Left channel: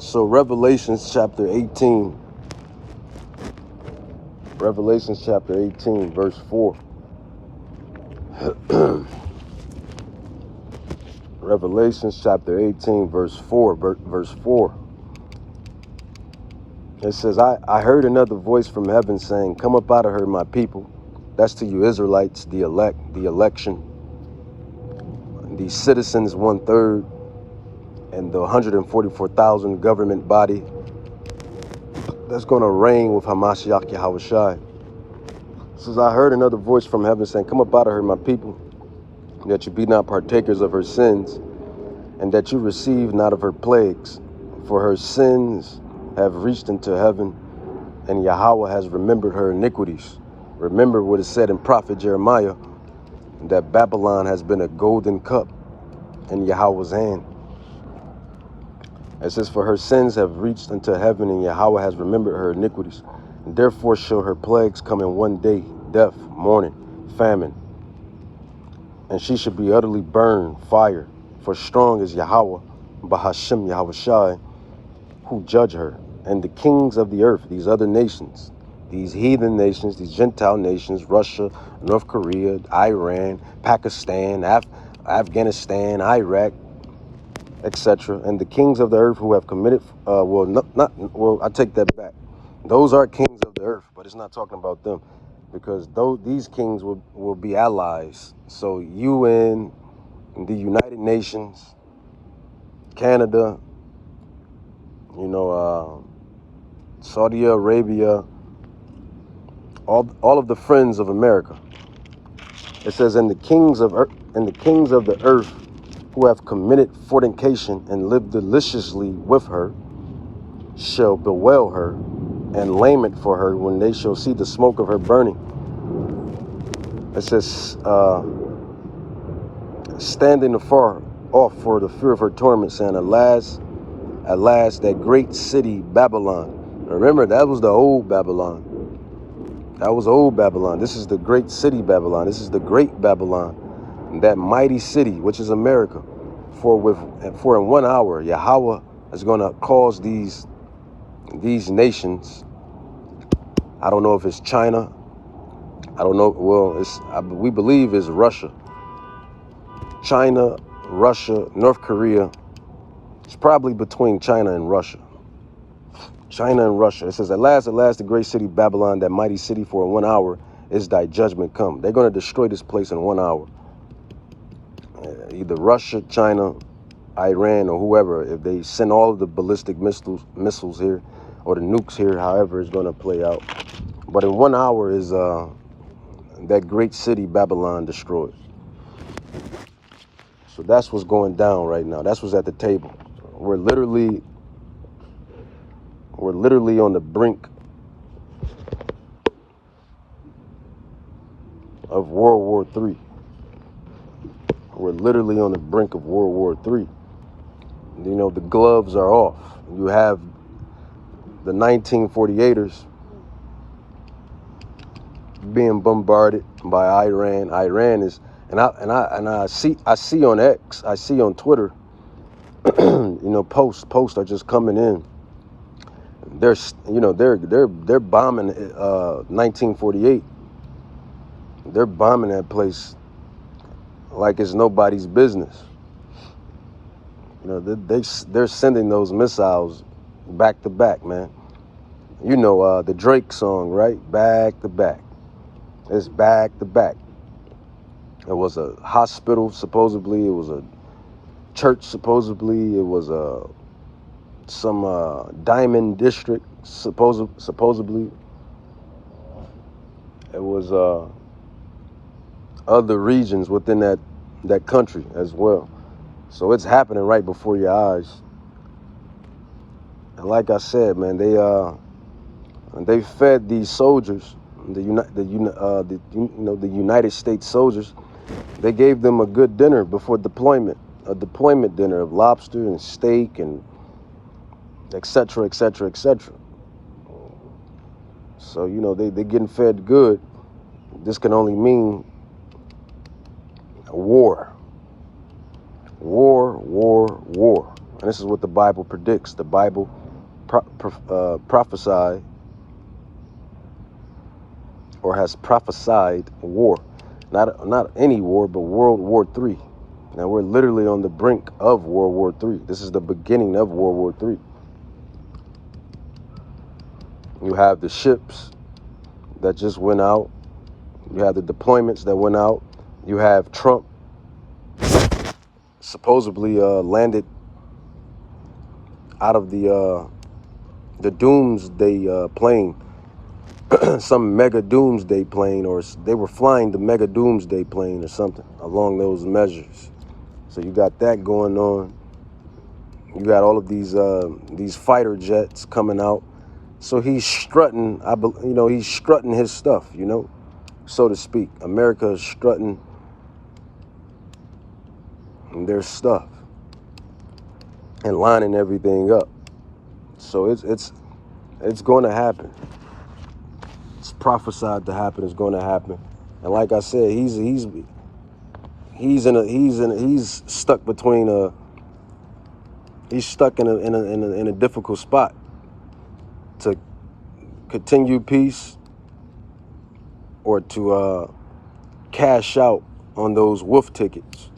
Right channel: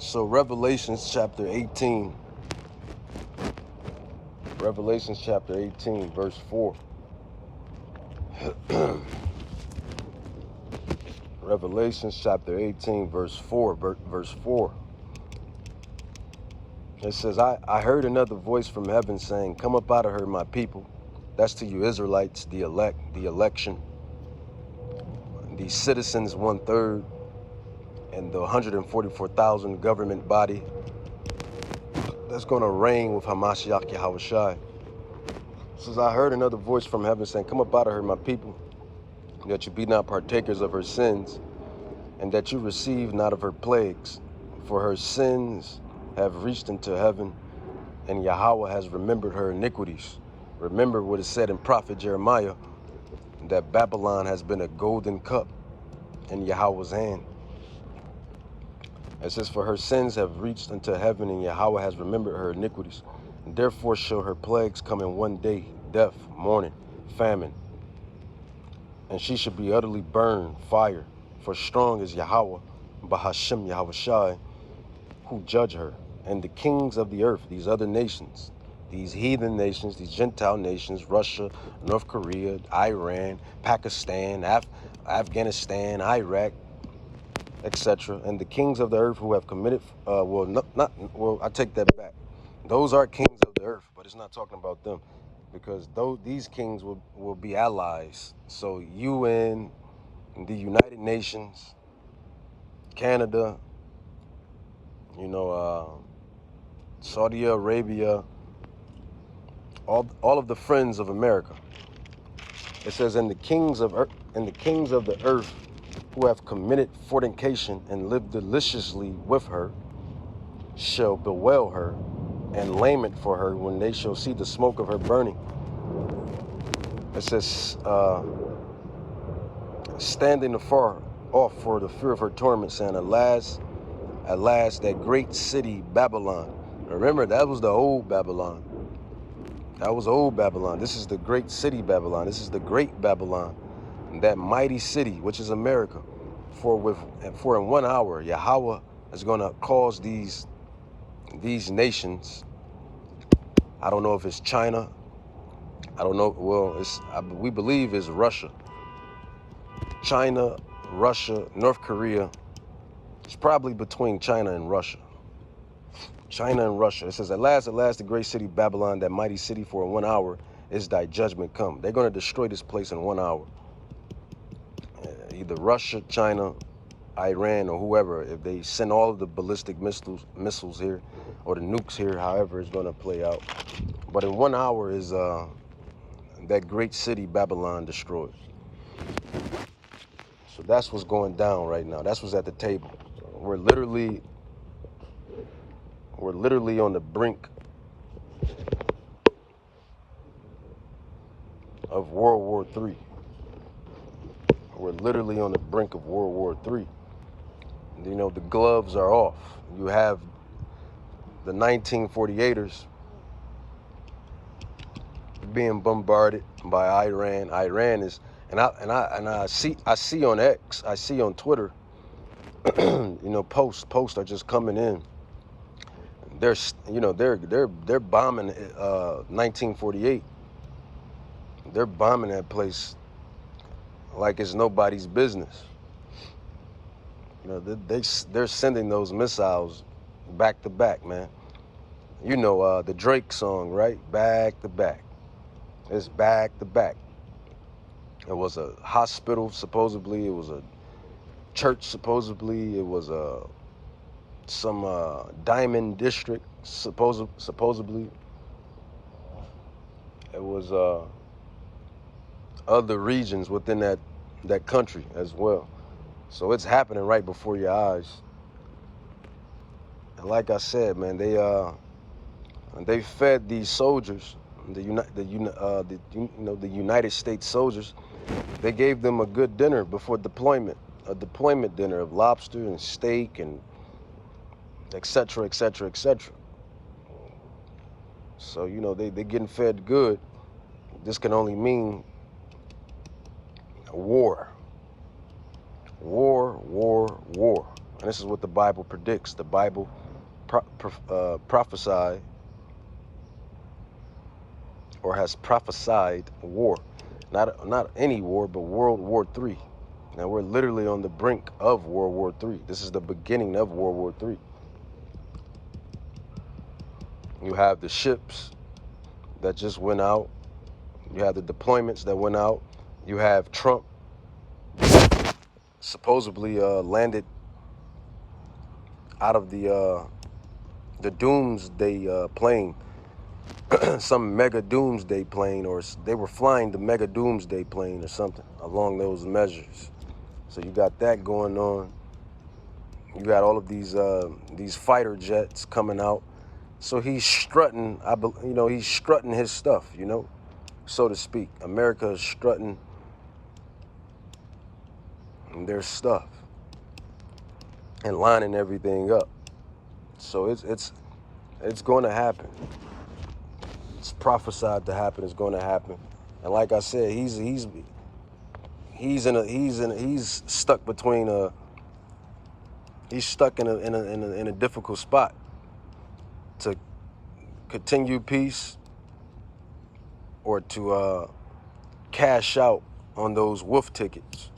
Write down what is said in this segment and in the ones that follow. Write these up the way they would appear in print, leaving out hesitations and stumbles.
So Revelations chapter 18. Revelations chapter 18, verse 4. Revelations chapter 18, verse 4. Verse 4. It says, I heard another voice from heaven saying, come up out of her, my people. That's to you Israelites, the elect, the election, the citizens, 1/3, and the 144,000 government body that's going to reign with Hamashiach Yahushai. It says, I heard another voice from heaven saying, come up out of her, my people, that you be not partakers of her sins, and that you receive not of her plagues. For her sins have reached into heaven, and Yahweh has remembered her iniquities. Remember what is said in prophet Jeremiah, that Babylon has been a golden cup in Yahweh's hand. It says, for her sins have reached into heaven, and Yahweh has remembered her iniquities. And therefore shall her plagues come in one day, death, mourning, famine. And she should be utterly burned, fire. For strong is Yahweh, Bahashem Yahushai, who judge her. And the kings of the earth, these other nations, these heathen nations, these Gentile nations, Russia, North Korea, Iran, Pakistan, Afghanistan, Iraq, etc. And the kings of the earth who have committed, I take that back. Those are kings of the earth, but it's not talking about them, because these kings will be allies. So UN, the United Nations, Canada, Saudi Arabia, all of the friends of America. It says, and the kings of the earth who have committed fornication and lived deliciously with her shall bewail her and lament for her when they shall see the smoke of her burning. It says, standing afar off for the fear of her torment, saying, alas, that great city Babylon. Remember, that was the old Babylon. That was old Babylon. This is the great city Babylon. This is the great Babylon. That mighty city, which is America. For in 1 hour, Yahweh is going to cause these nations. I don't know if it's China. I don't know. Well, we believe it's Russia. China, Russia, North Korea. It's probably between China and Russia. China and Russia. It says, alas, the great city Babylon, that mighty city, for in 1 hour is thy judgment come. They're going to destroy this place in 1 hour. Either Russia, China, Iran, or whoever, if they send all of the ballistic missiles here, or the nukes here, however it's going to play out. But in 1 hour is that great city Babylon destroyed. So that's what's going down right now. That's what's at the table. We're literally on the brink of World War III. We're literally on the brink of World War III. The gloves are off. You have the 1948ers being bombarded by Iran. Iran is, and I see on X, I see on Twitter, posts are just coming in. They're bombing 1948. They're bombing that place like it's nobody's business. They're sending those missiles back to back, man. The Drake song, right? Back to back. It's back to back. It was a hospital, supposedly. It was a church, supposedly. It was some diamond district, supposedly. It was other regions within that country as well. So it's happening right before your eyes. And like I said, man, they fed these soldiers, the United States soldiers. They gave them a good dinner before deployment, a deployment dinner of lobster and steak and et cetera, et cetera, et cetera. So, they're getting fed good. This can only mean war. War, war, war. And this is what the Bible predicts. The Bible prophesied or has prophesied war. Not any war, but World War III. Now we're literally on the brink of World War III. This is the beginning of World War III. You have the ships that just went out. You have the deployments that went out. You have Trump supposedly landed out of the doomsday plane, some mega doomsday plane, or they were flying the mega doomsday plane or something along those measures. So you got that going on. You got all of these fighter jets coming out. So he's strutting, he's strutting his stuff, so to speak. America is strutting their stuff and lining everything up. So it's going to happen. It's prophesied to happen. It's going to happen. And like I said, he's stuck between he's stuck in a difficult spot to continue peace or to cash out on those wolf tickets.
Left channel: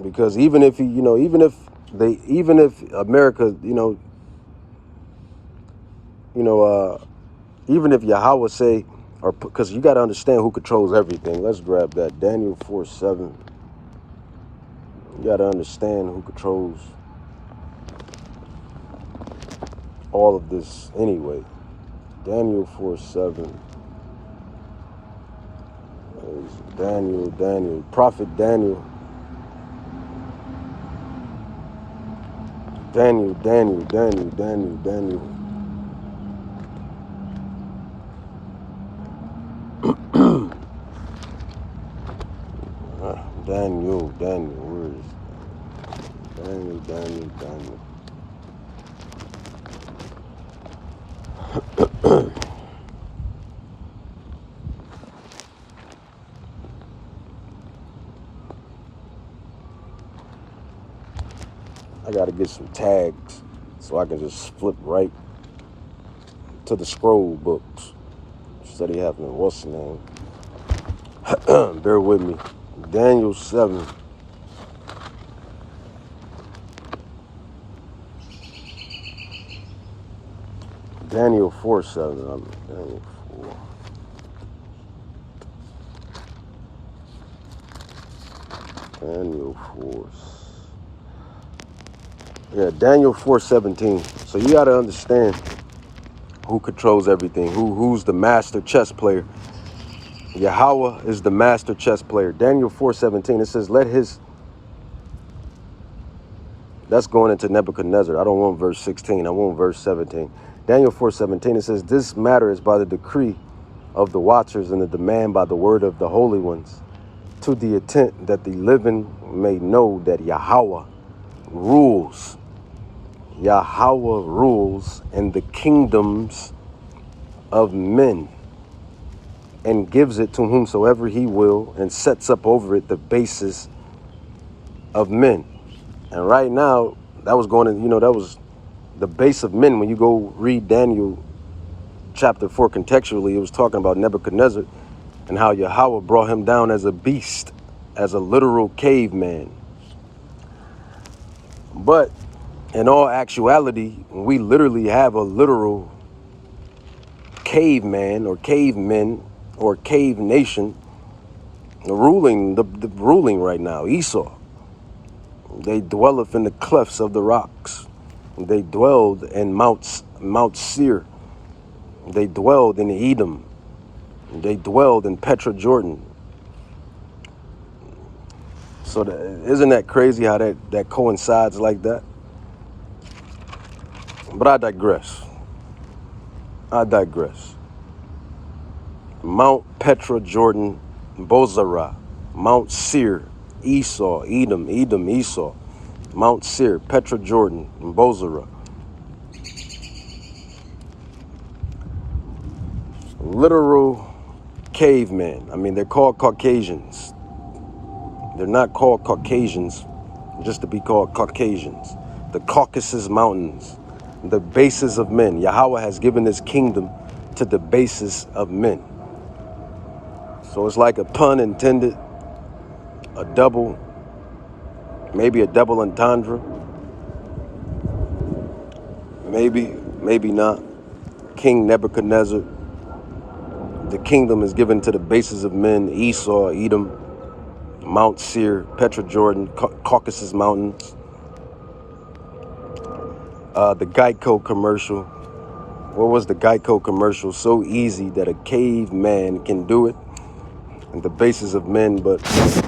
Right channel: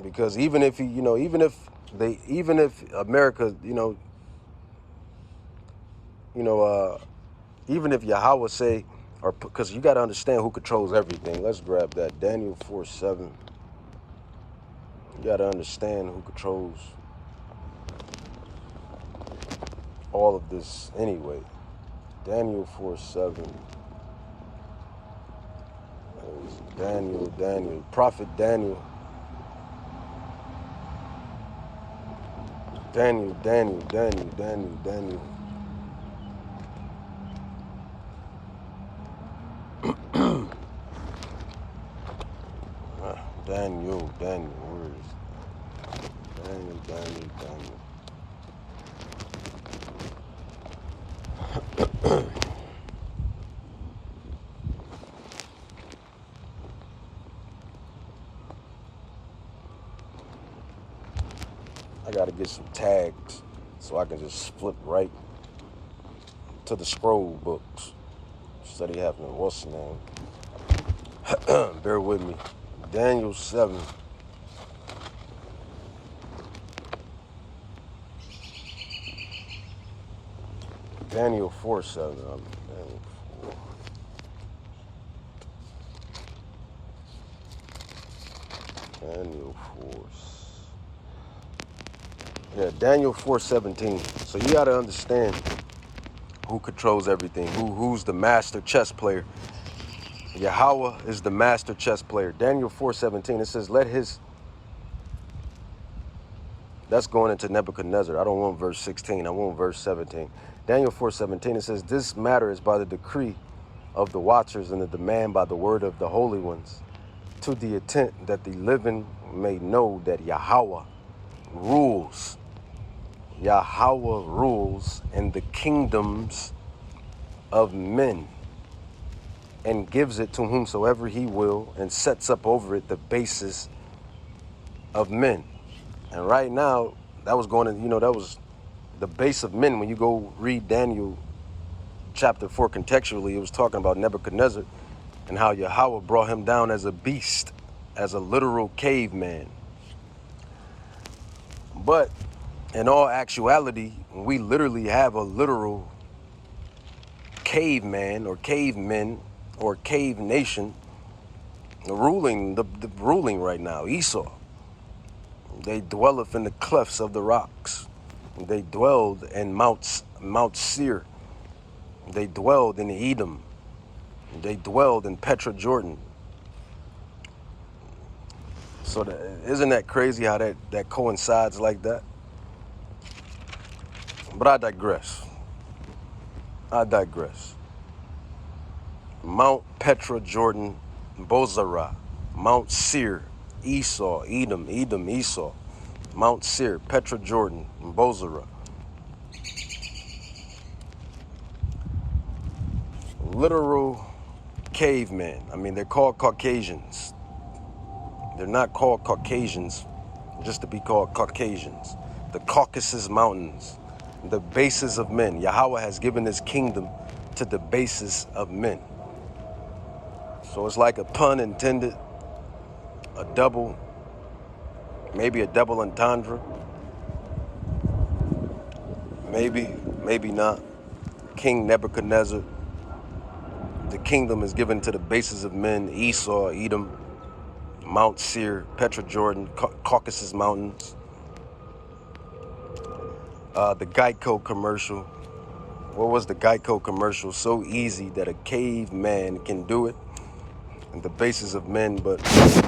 Because even if even if America, even if Yahweh say, or because you got to understand who controls everything. Let's grab that Daniel 4:7. You got to understand who controls all of this anyway. Daniel 4:7. Daniel, prophet Daniel. Daniel. Daniel, where is Daniel? I gotta get some tags so I can just flip right to the scroll books instead of having what's the name. Bear with me. Daniel 7. Daniel 4:7. Daniel 4. Daniel 4. Yeah, Daniel 4:17. So you gotta understand who controls everything. Who's the master chess player? Yahweh is the master chess player. Daniel 4:17. It says, That's going into Nebuchadnezzar. I don't want verse 16. I want verse 17. Daniel 4:17. It says, this matter is by the decree of the watchers and the demand by the word of the holy ones, to the intent that the living may know that Yahweh rules. Yahweh rules in the kingdoms of men and gives it to whomsoever he will and sets up over it the basis of men. And right now, that was that was the base of men. When you go read Daniel chapter 4 contextually, it was talking about Nebuchadnezzar and how Yahweh brought him down as a beast, as a literal caveman. But in all actuality, we literally have a literal caveman or cavemen or cave nation ruling the ruling right now. Esau. They dwelleth in the clefts of the rocks. They dwelled in Mount Seir. They dwelled in Edom. They dwelled in Petra Jordan. So isn't that crazy how that coincides like that? But I digress. Mount Petra Jordan, Bozrah, Mount Seir, Esau, Edom, Esau, Mount Seir, Petra Jordan, and Bozrah. Literal cavemen. I mean, they're called Caucasians. They're not called Caucasians just to be called Caucasians. The Caucasus Mountains, the bases of men. Yahweh has given his kingdom to the bases of men. So it's like a pun intended, a double, maybe a double entendre. Maybe not. King Nebuchadnezzar, the kingdom is given to the bases of men: Esau, Edom, Mount Seir, Petra-Jordan, Caucasus Mountains. The Geico commercial. What was the Geico commercial? So easy that a caveman can do it. And the bases of men, but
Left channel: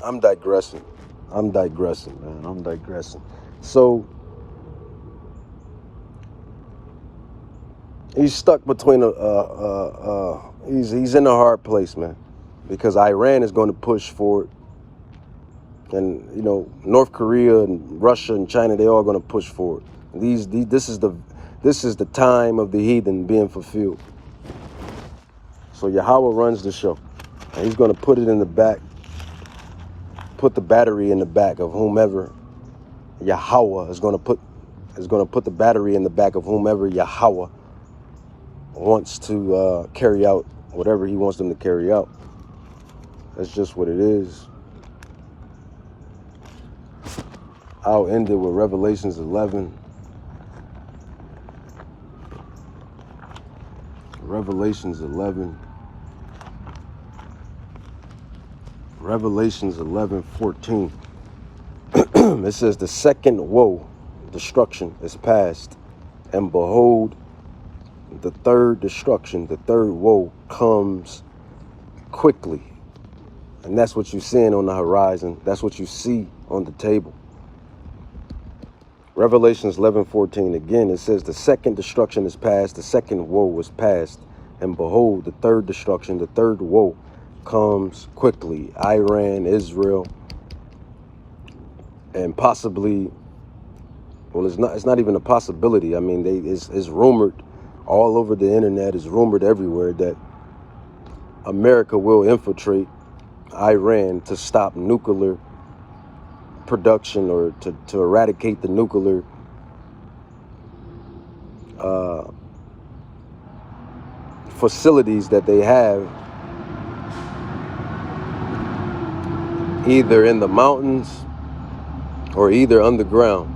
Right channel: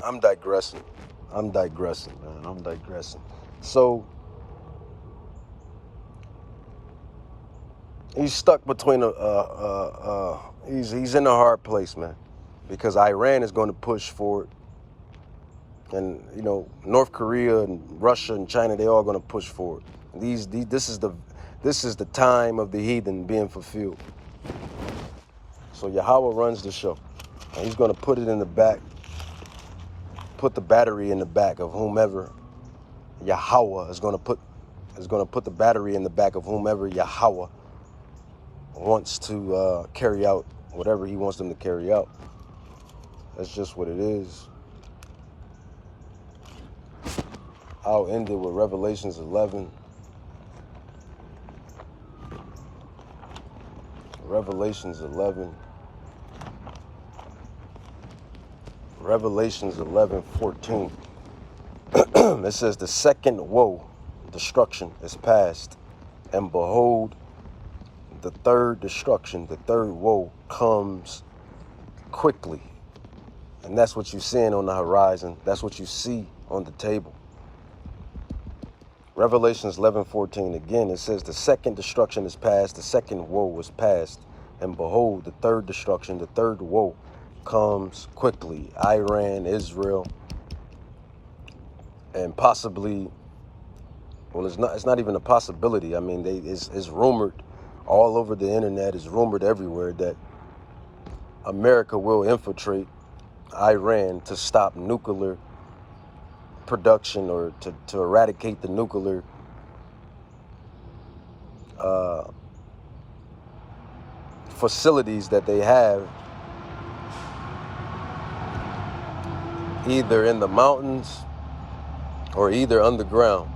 I'm digressing, man. I'm digressing. So he's stuck between he's in a hard place, man, because Iran is going to push for it, and you know, North Korea and Russia and China, they all going to push for it. This is the time of the heathen being fulfilled. So Yahweh runs the show, and he's going to put it in the back, put the battery in the back of whomever Yahweh is going to put the battery in the back of whomever Yahweh wants to carry out whatever he wants them to carry out. That's just what it is. I'll end it with Revelations 11. Revelations 11:14. It says, the second woe, destruction, is past, and behold, the third destruction, the third woe, comes quickly. And that's what you're seeing on the horizon. That's what you see on the table. Revelations 11:14, again, it says, the second destruction is past, the second woe is past, and behold, the third destruction, the third woe, comes quickly. Iran, Israel, and possibly, well, it's not even a possibility. I mean, it's rumored all over the internet, it's rumored everywhere that America will infiltrate Iran to stop nuclear production, or to eradicate the nuclear facilities that they have, either in the mountains or either underground.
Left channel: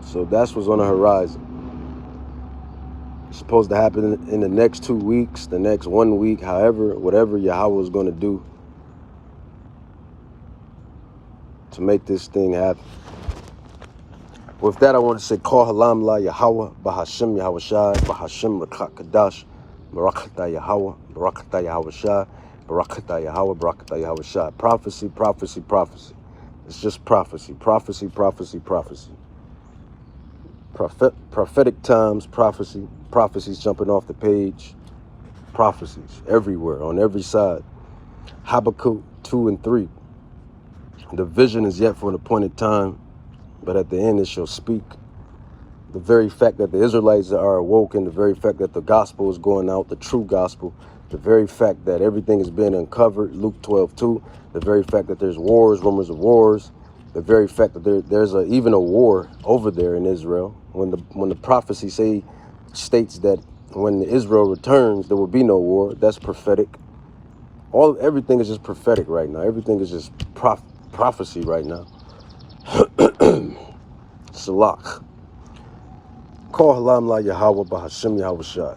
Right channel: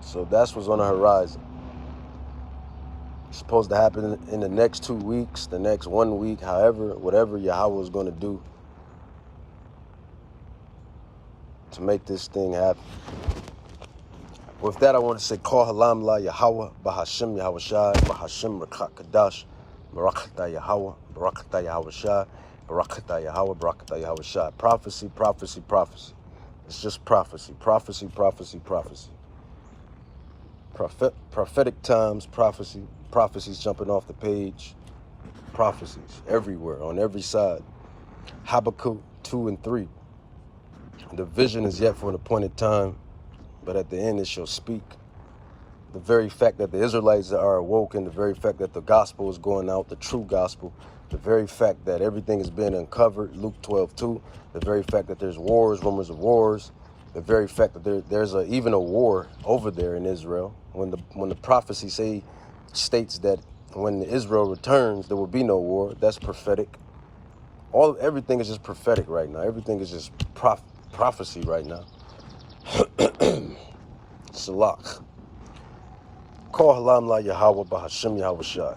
So that's what's on the horizon. It's supposed to happen in the next 2 weeks, the next 1 week, however, whatever Yahweh is going to do to make this thing happen. With that, I want to say, Kol Halam La Yahweh, Bahashem Yahweh Shai, Bahashem Rakat Kadash, Barakata Yahweh, Barakata Yahweh Shai, Barakata Yahweh, Barakata Yahweh Shai. Prophecy, prophecy, prophecy. It's just prophecy, prophecy, prophecy, prophecy. Prophetic times, prophecy, prophecies jumping off the page, prophecies everywhere, on every side. Habakkuk 2 and 3. The vision is yet for an appointed time, but at the end it shall speak. The very fact that the Israelites are awoken, the very fact that the gospel is going out, the true gospel, the very fact that everything is being uncovered, Luke 12:2, the very fact that there's wars, rumors of wars, the very fact that there's even a war over there in Israel. When the prophecy states that when Israel returns, there will be no war, that's prophetic. Everything is just prophetic right now. Everything is just prophecy right now. Salak. Kol Halam La Yahweh, Bahashem Yahweh Shai.